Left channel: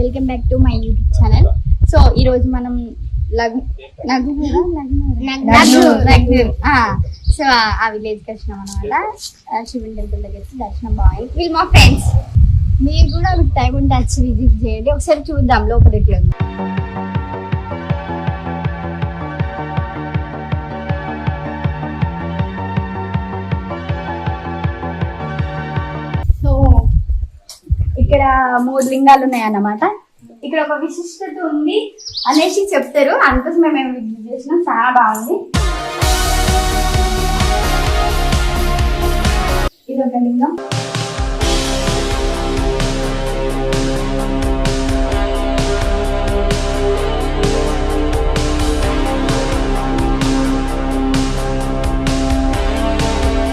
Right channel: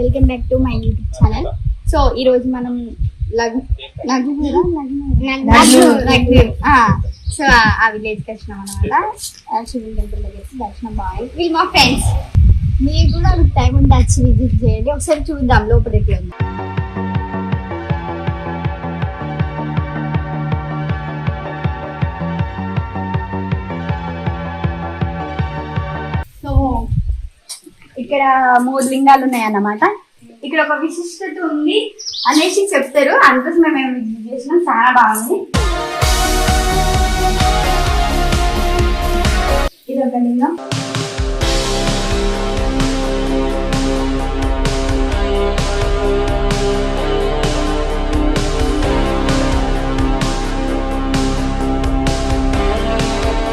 Welcome back to my YouTube channel. So ఈ రోజు మనం సో ఆ విలేజ్ కి వచ్చినాం అనమాట. శివుని టెంపుల్ దగ్గరికి దర్శనం బాగా. వీళ్ళు మా ఫ్రెండ్స్. మీరు కూడా టైం ఉంటే వచ్చి విజిట్ చేయండి. ఒకసారి చూద్దాం లోపలికి. సో ఇక్కడ 3 లింగాలు ఉన్నాయన్నమాట. ఇక్కడ ఒక విశిష్టత ఉంది అనేసి చెప్తారు, అందుకోసం మేము విజిట్ చేసినాం. చాలా బాగుంది. ఇది ఒక లింగం.